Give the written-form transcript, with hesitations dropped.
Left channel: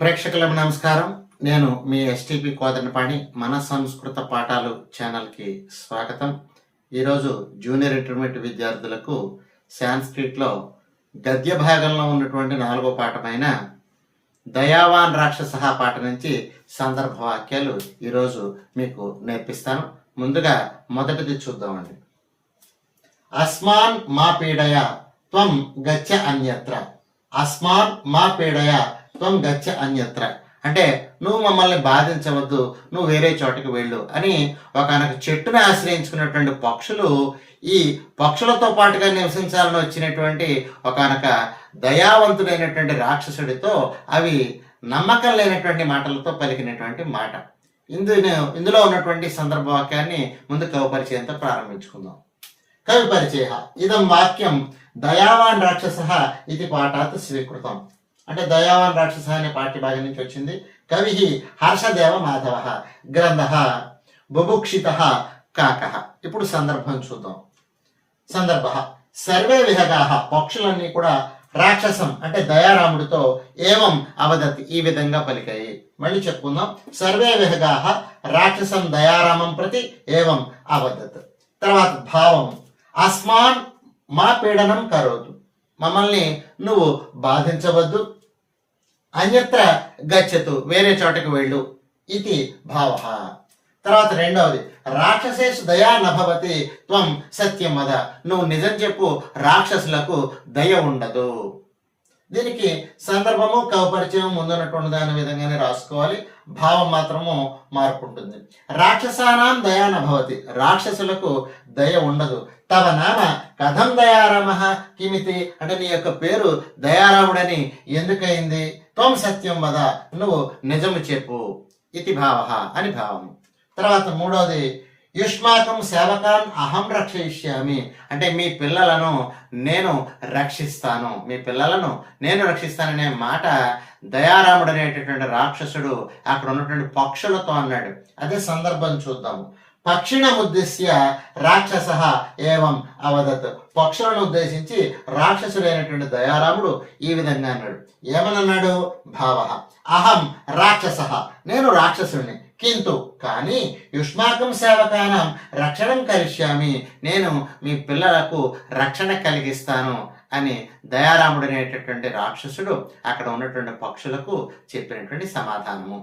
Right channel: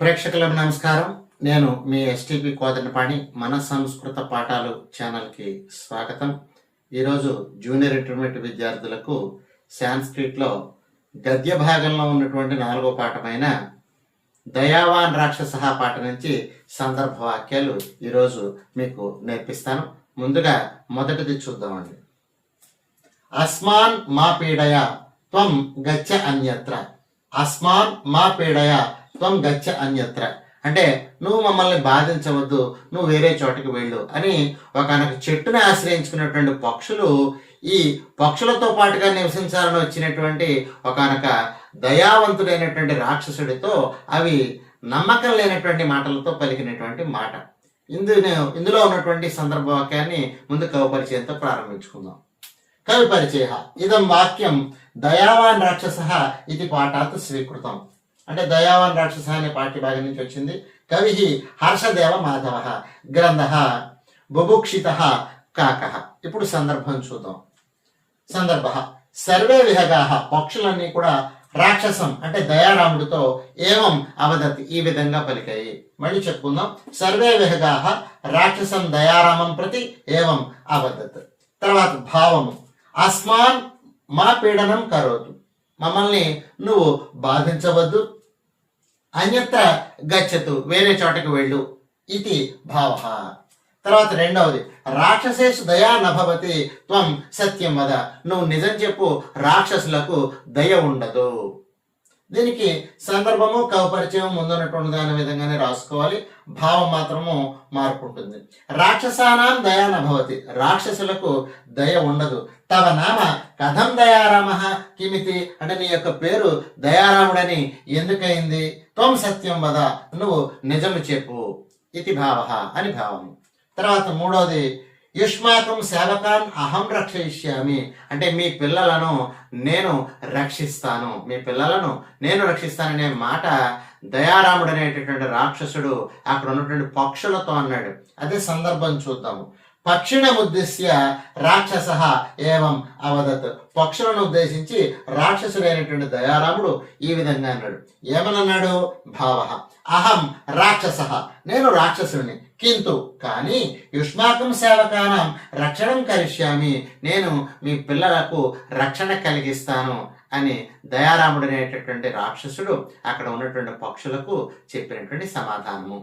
ప్రేక్షకులకు నమస్కారం. నేను మీ ఎస్టీపీ కోదండపాణి. మన సంస్కృత పాఠాలు ఛానల్కి స్వాగతం. ఈరోజు జూనియర్ ఇంటర్మీడియట్ విద్యార్థులకు సాంస్క్రిట్లో గద్య భాగంలో ఉన్నటువంటి 4వ పాఠమైన దయావాన్ రాక్షస పాఠ నుంచి సందర్భ వాక్యాలు ఈరోజు మీకు నేర్పిస్తాను. ముందుగా మొదటిది చూద్దామండి. అస్మాన్ మా పీడయ త్వం గచ్చ అన్యత్ర. అస్మాన్ మా పీడయ త్వం గచ్చ అన్యత్ర అంటే నువ్వు మమ్మల్ని బాధించవద్దు, నువ్వు వేరే చోటకి వెళ్ళు అని ఒకనొక చెట్టుని ఆశ్రయించుకున్నటువంటి పక్షులు ఈ పక్షులతో పాటుగా నివసించాలని వచ్చినటువంటి ఒకనొక దయావంతుడైనటువంటి రాక్షసుడితో అవి నమ్మకం లేనటువంటి మాటలతో పలికినటువంటి మాట. ఇందులో ఉన్నటువంటి సందర్భ వాక్యాన్ని ముందు కవి పరిచయంతో ప్రారంభించుకుందాం. కవి పరిచయ ఇదం వాక్యం దయావాన్ రాక్షస ఇది పాఠాత్ స్వీకృతం. అంటే దయావాన్ రాక్షస అనే పాఠ్యభాగం నుంచి వచ్చింది. కవి హర్షదేవ మాధవ, గ్రంథ బుభుక్షిత కాక. ఇప్పుడు సందర్భం చూద్దాం. సందర్భ సర్వే విహగా పక్షులన్నీ కూడా రాక్షసం అంటే దయారాముడితో ఏవం అవదత్ ఈ విధంగా పలికాయి. మళ్ళీ చెప్పుకుందాం. సర్వే విహగా రాక్షసం దయారామం ప్రతి ఏవం అవదత్. తర్వాత భావము అస్మాన్ మా పీడనం కరోతు, మమ్మల్ని నువ్వు బాధించవద్దు. అన్యత్ర గచ్చతు వేరే చోటకు వెళ్ళు ఇది భావ. తర్వాత రెండవది రాక్షసేషు దయా నభవతి త్వం సత్యం వద, నువ్వు నిజం చెప్పు, రాక్షసులకు దయ ఉండదు. దీనికి సందర్భము కవపరిచయం ముందున్నటువంటి దాని విధంగానే రాసుకోవాలి. భావం మాత్రము మార్పు ఉంటుంది. రాక్షసానాం దయా నభవతి, రాక్షసులకు దయ ఉండదు. తవ నామ కథం దయారామ కిమితి అంటే నీ యొక్క పేరు దయారాముడని ఎందుకయింది. త్వం సత్యం వద, నువ్వు నిజము చెప్పు ఇది భావ అని భావము. తర్వాత మూడోది యుష్మాకం సేవకాన్ అహం రక్షయిష్యామి అంటే మీ పిల్లలను నేను రక్షిస్తాను, మీ పిల్లలను నేను రక్షిస్తాననే మాట దయారాముడు అనేటటువంటి రాక్షసుడు అక్కడ ఉన్నటువంటి పక్షులతో అన్నాడు. అదే సందర్భం చూద్దాము. పక్షిణముద్దేశ్య రాక్షస ఏవం అవదత్, పక్షులను ఉద్దేశించి రాక్షసుడైనటువంటి దయారాముడు ఈ విధంగా అన్నాడు. ఏమనన్నాడు? భావ అహం రాక్షస, నేను రాక్షసుడిని, కింటు కానీ యుష్మాకం సేవకానం రక్షణం కరిష్యామి, నేను మీ పిల్లలకు రక్షణ కలిగిస్తాను అని దయారాముడు అనేటటువంటి రాక్షసుడు అక్కడ ఉన్నటువంటి పక్షులకు చెప్పినటువంటి సమాధానము.